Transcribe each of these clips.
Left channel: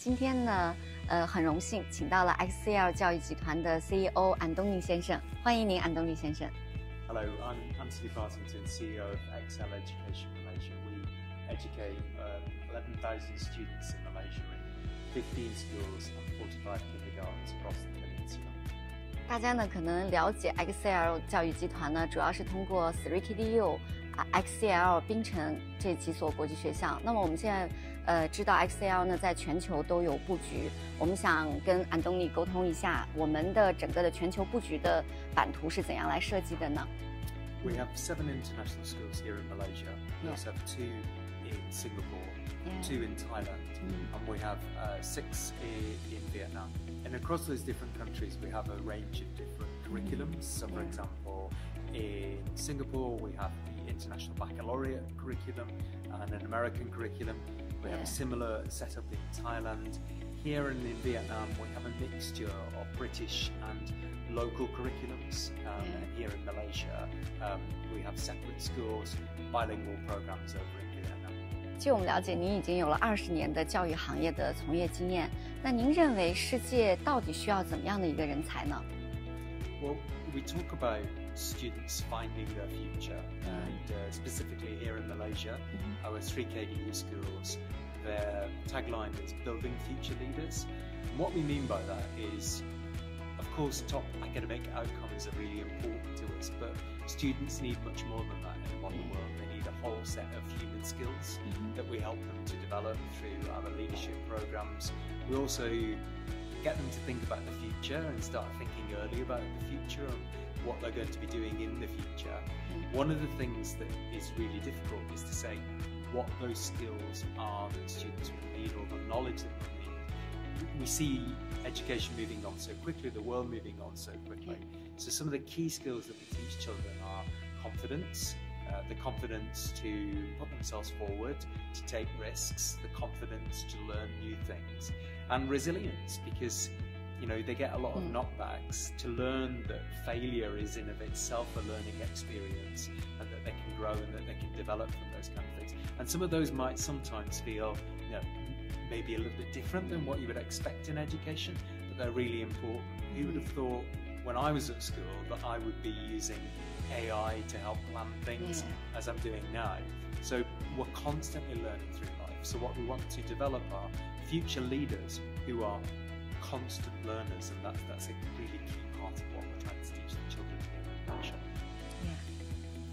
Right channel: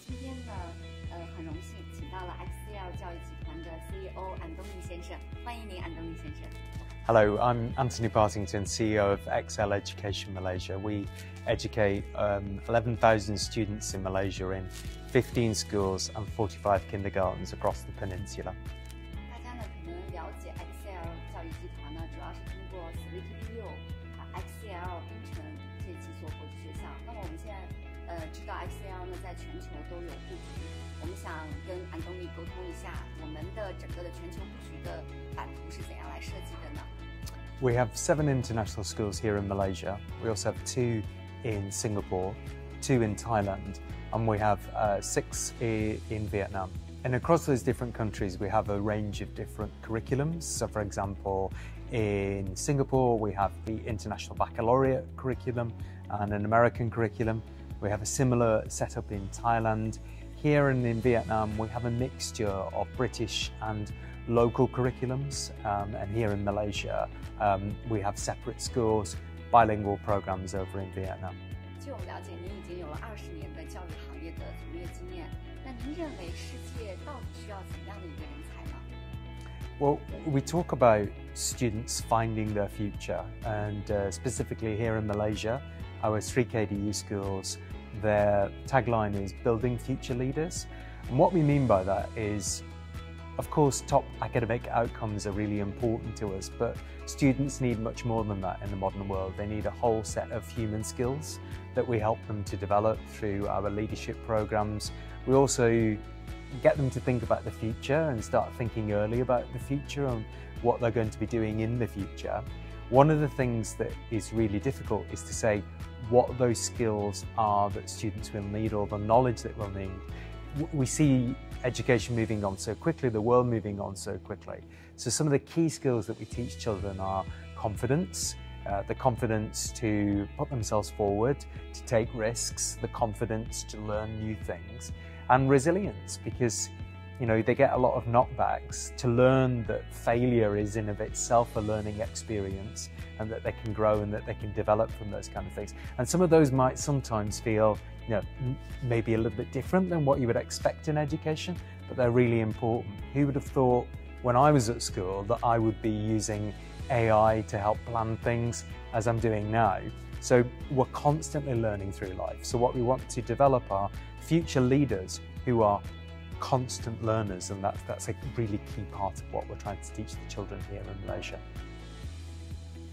今天呢，很荣幸请到了 Xcl 教育集团的 CEO 安东尼先生，欢迎您，安东尼先生。Hello, I'm Anthony Partington, CEO of Xcl Education Malaysia. We educate 11,000 students in Malaysia in 15 schools and 45 kindergartens across the peninsula. 大家呢可能了解 Xcl 教育集团呢，主要是通过 Sirkdu Xcl 槟城这几所国际学校。那么我们现在知道 Xcl 呢在全球都有布局，我们想跟安东尼沟通一下，我们的整个的全球布局的版图是怎样来设计的呢？ We have 7 international schools here in Malaysia. We also have 2 in Singapore, 2 in Thailand, and we have 6 in Vietnam. And across those different countries, we have a range of different curriculums. So, for example, in Singapore, we have the International Baccalaureate curriculum and an American curriculum. We have a similar setup in Thailand. Here in Vietnam, we have a mixture of British and local curriculums. And here in Malaysia, we have separate schools, bilingual programs over in Vietnam. 据我们了解，您已经有了20年的教育行业的从业经验。那您认为世界到底需要怎么样的一个人才呢？ Well, we talk about students finding their future, and specifically here in Malaysia, our 3 KDU schools, their tagline is building future leaders. And what we mean by that is, of course, top academic outcomes are really important to us, but students need much more than that in the modern world. They need a whole set of human skills that we help them to develop through our leadership programs. We also get them to think about the future and start thinking early about the future and what they're going to be doing in the future. One of the things that is really difficult is to say what those skills are that students will need or the knowledge that we'll need. We see education moving on so quickly, the world moving on so quickly. So some of the key skills that we teach children are confidence, the confidence to put themselves forward, to take risks, the confidence to learn new things, and resilience, because they get a lot of knockbacks, to learn that failure is in of itself a learning experience and that they can grow and that they can develop from those kind of things. And some of those might sometimes feel maybe a little bit different than what you would expect in education, but they're really important. Who would have thought when I was at school that I would be using AI to help plan things as I'm doing now? So we're constantly learning through life. So what we want to develop are future leaders who are constant learners, and that's a really key part of what we're trying to teach the children here in Malaysia.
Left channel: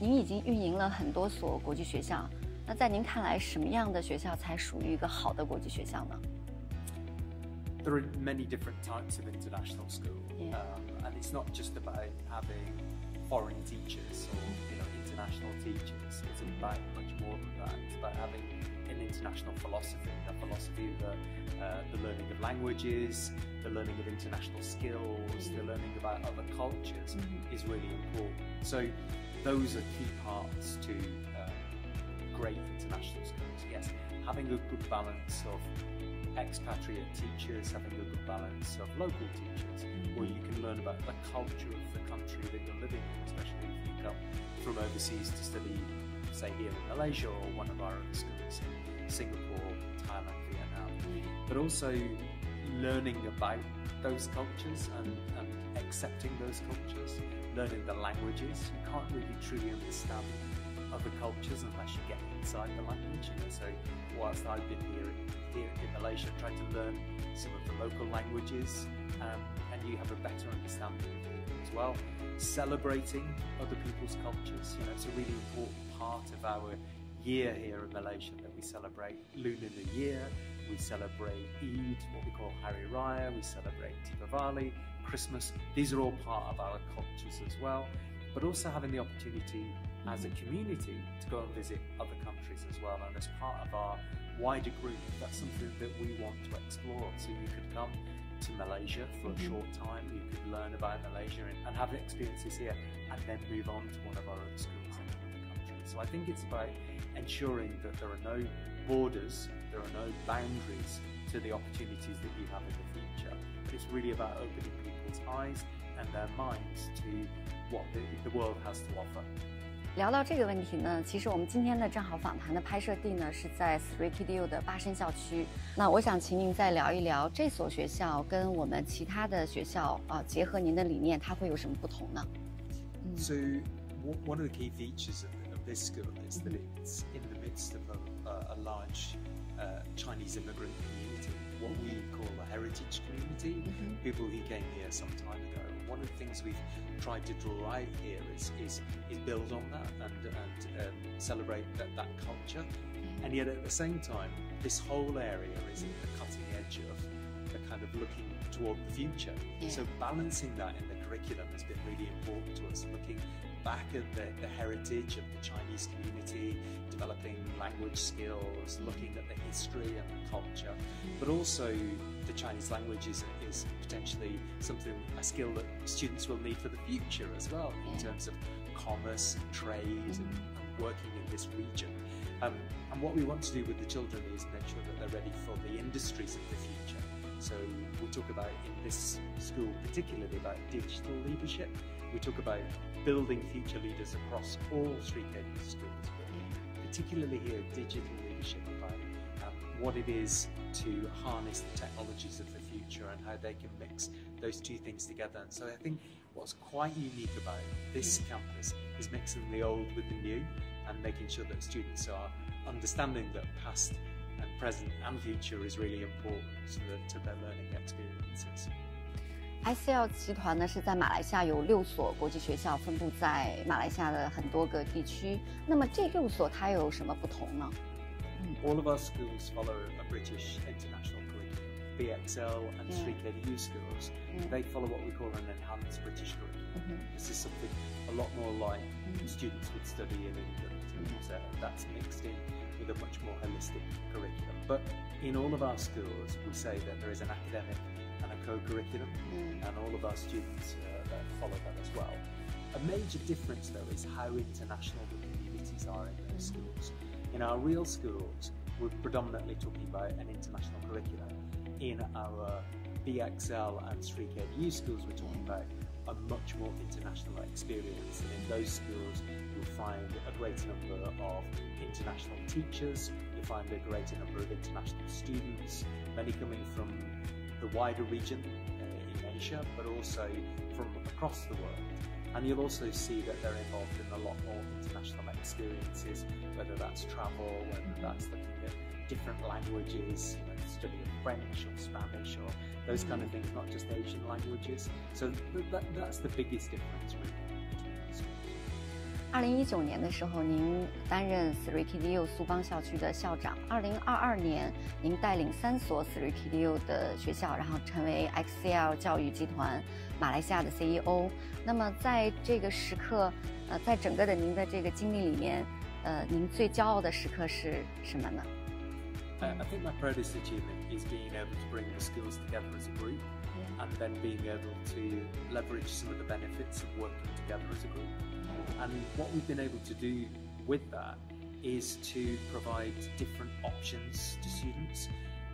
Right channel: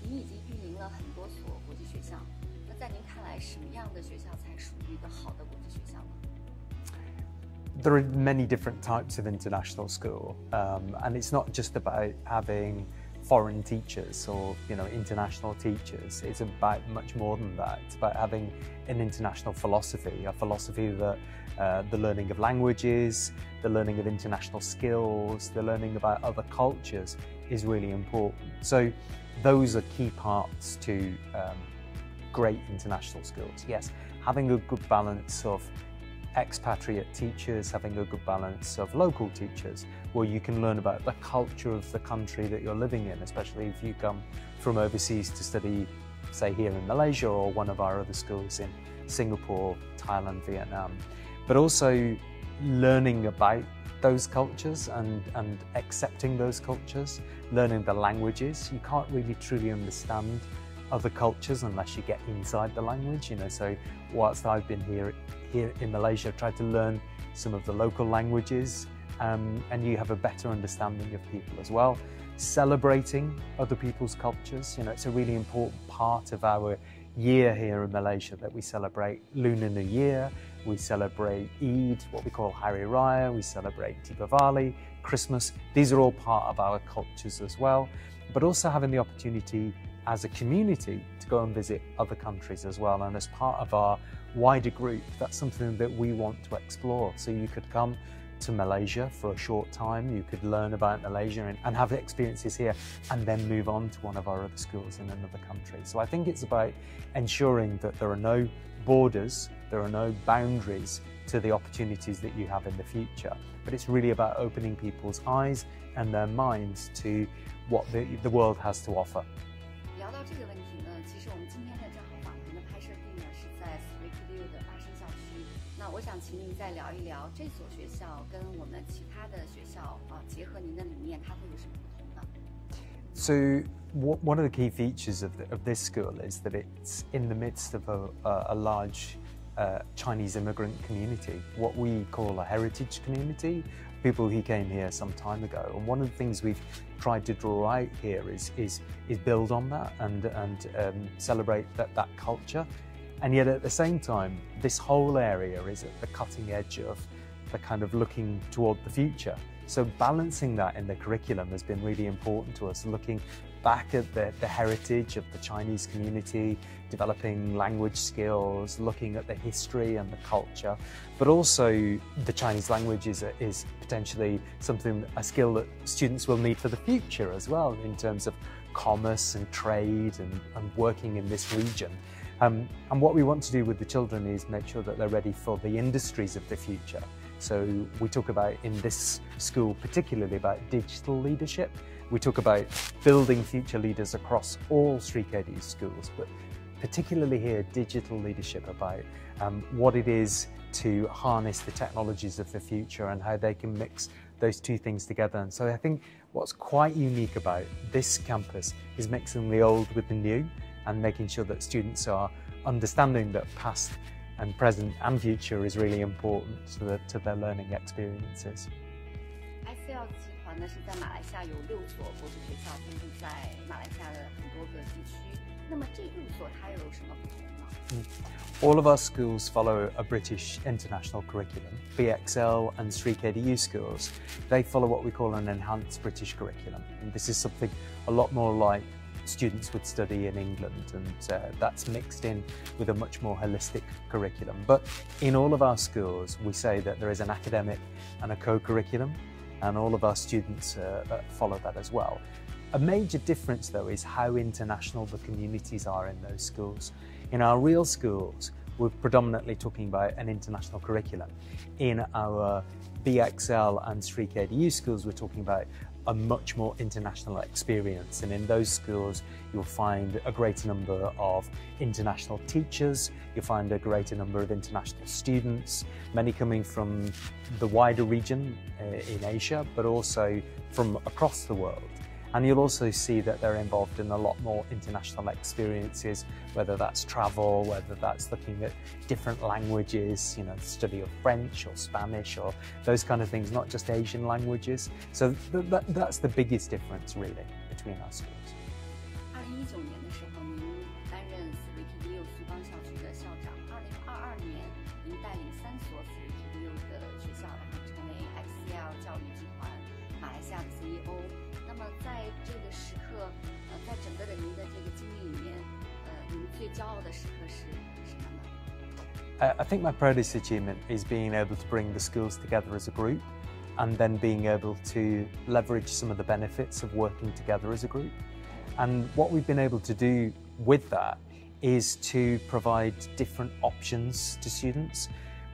您已经运营了很多所国际学校，那在您看来，什么样的学校才属于一个好的国际学校呢？ There are many different types of international school, and it's not just about having foreign teachers or international teachers. It's about much more than that. It's about having an international philosophy, a philosophy that the learning of languages, the learning of international skills, the learning about other cultures is really important. So those are key parts to great international schools. Yes, having a good balance of expatriate teachers, having a good balance of local teachers, where you can learn about the culture of the country that you're living in, especially if you come from overseas to study, say here in Malaysia or one of our other schools in Singapore, Thailand, Vietnam. But also learning about those cultures and accepting those cultures, learning the languages. You can't really truly understand other cultures unless you get inside the language, so whilst I've been here in Malaysia, I've tried to learn some of the local languages, and you have a better understanding of people as well. Celebrating other people's cultures, it's a really important part of our year here in Malaysia, that we celebrate Lunar New Year, we celebrate Eid, what we call Hari Raya, we celebrate Deepavali, Christmas. These are all part of our cultures as well, but also having the opportunity as a community to go and visit other countries as well. And as part of our wider group, that's something that we want to explore. So you could come to Malaysia for a short time, you could learn about Malaysia and have experiences here, and then move on to one of our other schools in another country. So I think it's about ensuring that there are no borders, there are no boundaries to the opportunities that you have in the future, but it's really about opening people's eyes and their minds to what the world has to offer. 聊到这个问题呢，其实我们今天的正好访谈的拍摄地呢是在 Sirkdu 的巴生校区。那我想请您再聊一聊这所学校跟我们其他的学校结合您的理念，它会有什么不同呢？ So one of the key features of this school is that it's in the midst of a large Chinese immigrant community, what we call a heritage community, people who came here some time ago. And one of the things we've tried to draw out here is build on that and celebrate that culture. And yet at the same time, this whole area is at the cutting edge of the kind of looking toward the future. So balancing that in the curriculum has been really important to us, looking back at the heritage of the Chinese community, developing language skills, looking at the history and the culture, but also the Chinese language is potentially a skill that students will need for the future as well in terms of commerce and trade and working in this region. And what we want to do with the children is make sure that they're ready for the industries of the future. So we talk about, in this school particularly, about digital leadership. We talk about building future leaders across all Sirkdu schools, but particularly here, digital leadership, about what it is to harness the technologies of the future and how they can mix those two things together. And so I think what's quite unique about this campus is mixing the old with the new and making sure that students are understanding that past and present and future is really important to their learning experiences. Xcl 集团呢是在马来西亚有6所国际学校，分布在马来西亚的很多个地区。那么这6所它有什么不同呢？ All of our schools follow a British international curriculum. Xcl and Sirkdu schools, they follow what we call an enhanced British curriculum. And this is something a lot more like students would study in England, and that's mixed in with a much more holistic curriculum. But in all of our schools, we say that there is an academic and a co-curriculum, and all of our students follow that as well. A major difference, though, is how international the communities are in those schools. In our real schools, we're predominantly talking about an international curriculum. In our Xcl and Sirkdu schools, we're talking about a much more international experience, and in those schools you'll find a greater number of international teachers, you'll find a greater number of international students, many coming from the wider region in Asia, but also from across the world. And you'll also see that they're involved in a lot more international experiences, whether that's travel, whether that's looking at different languages, study of French or Spanish or those kind of things, not just Asian languages. So that's the biggest difference really between our schools. 2019年的时候，您担任 Sirkdu 苏邦校区的校长。2022年，您带领3所 Sirkdu 的学校，然后成为 Xcl 教育集团马来西亚的 CEO。那么在这个时刻，在整个的您的这个经历里面，您最骄傲的时刻是什么呢？ I think my proudest achievement is being able to bring the schools together as a group, and then being able to leverage some of the benefits of working together as a group. And what we've been able to do with that is to provide different options to students.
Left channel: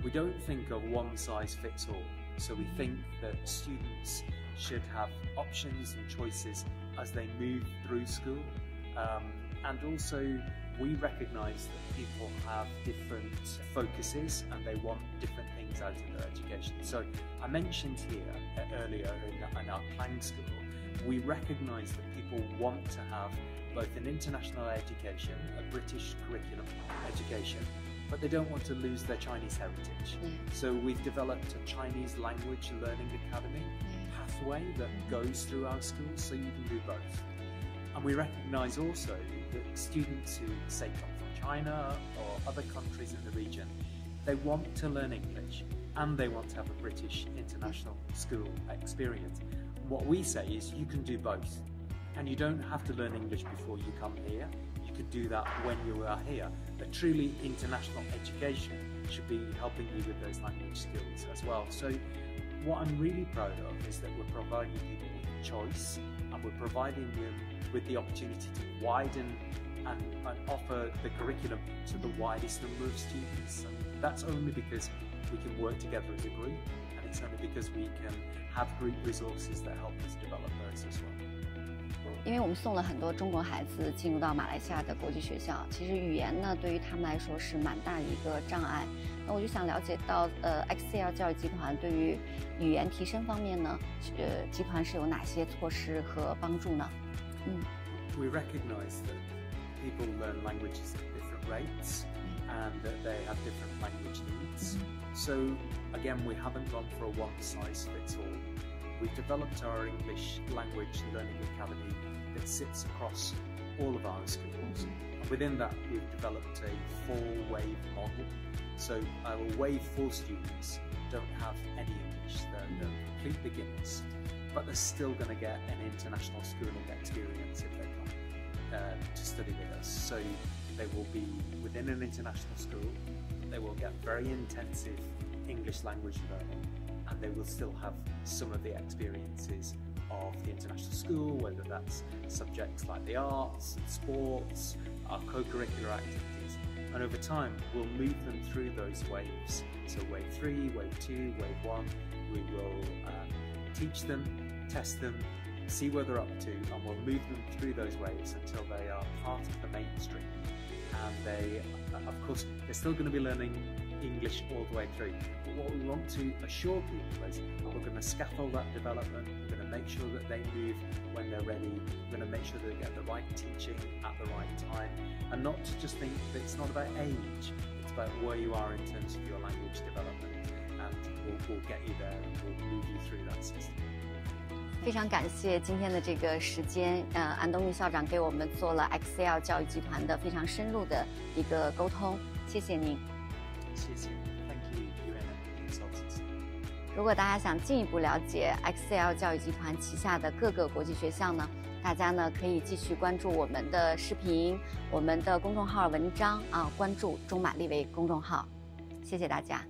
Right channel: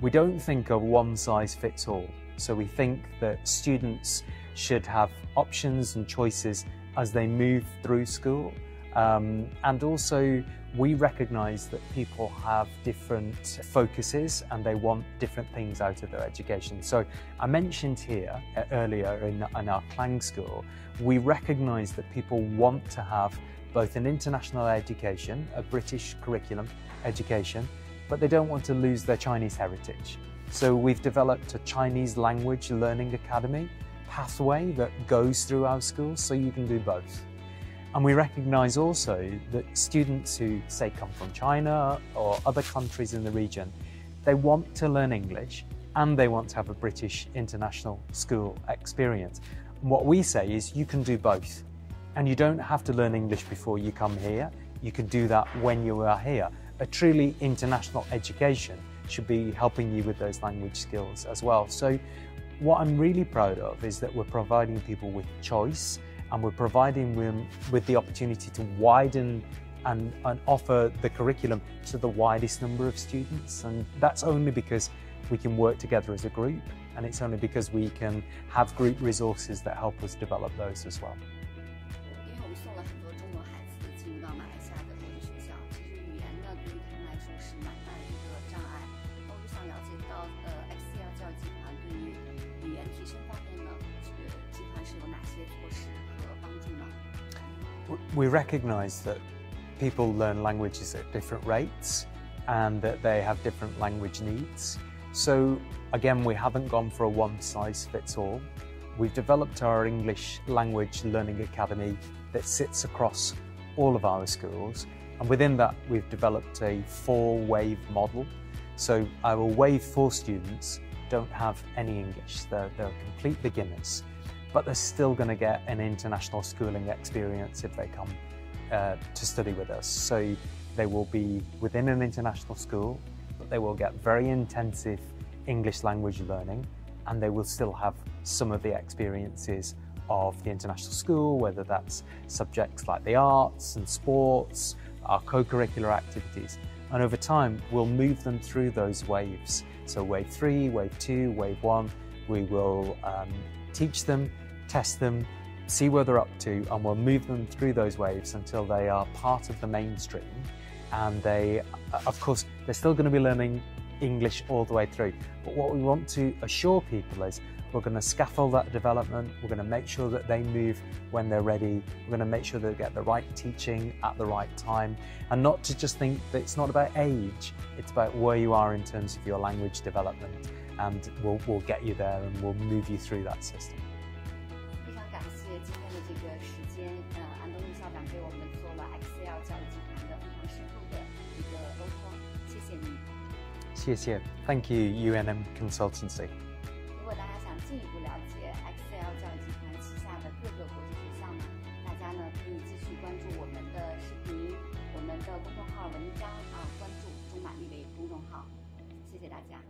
We don't think of one size fits all. So we think that students should have options and choices as they move through school. And also we recognise that people have different focuses and they want different things out of their education. So I mentioned here earlier in our Klang school, we recognise that people want to have both an international education, a British curriculum education, but they don't want to lose their Chinese heritage. So we've developed a Chinese language learning academy pathway that goes through our schools, so you can do both. And we recognise also that students who, say, come from China or other countries in the region, they want to learn English and they want to have a British international school experience. And what we say is you can do both. And you don't have to learn English before you come here. You can do that when you are here. A truly international education should be helping you with those language skills as well. So what I'm really proud of is that we're providing people with choice, and we're providing them with the opportunity to widen and offer the curriculum to the widest number of students. And that's only because we can work together as a group, and it's only because we can have group resources that help us develop those as well. 因为我们送了很多中国孩子进入到马来西亚的国际学校，其实语言呢对于他们来说是蛮大的一个障碍。那我就想了解到，Xcl教育集团对于语言提升方面呢，集团是有哪些措施和帮助呢？We recognize that people learn languages at different rates and that they have different language needs. So again, we haven't gone for a one-size-fits-all. We've developed our English Language Learning Academy that sits across all of our schools, and within that we've developed a 4-wave model. So our wave 4 students don't have any English, they're complete beginners, but they're still going to get an international schooling experience if they come to study with us. So they will be within an international school, but they will get very intensive English language learning, and they will still have some of the experiences of the international school, whether that's subjects like the arts and sports, our co-curricular activities. And over time, we'll move them through those waves. So wave 3, wave 2, wave 1, we will teach them, test them, see where they're up to, and we'll move them through those waves until they are part of the mainstream. And they, of course, they're still going to be learning English all the way through. But what we want to assure people is we're going to scaffold that development, we're going to make sure that they move when they're ready, we're going to make sure they get the right teaching at the right time, and not to just think that it's not about age, it's about where you are in terms of your language development, and we'll get you there and we'll move you through that system. 非常感谢今天的这个时间，安东尼校长给我们做了 Xcl 教育集团的非常深入的一个沟通，谢谢您。谢谢 ，Thank you UNM Consultancy。如果大家想进一步了解 Xcl 教育集团旗下的各个国际学校呢，大家呢可以继续关注我们的视频、我们的公众号文章啊，关注中马利维公众号。谢谢大家。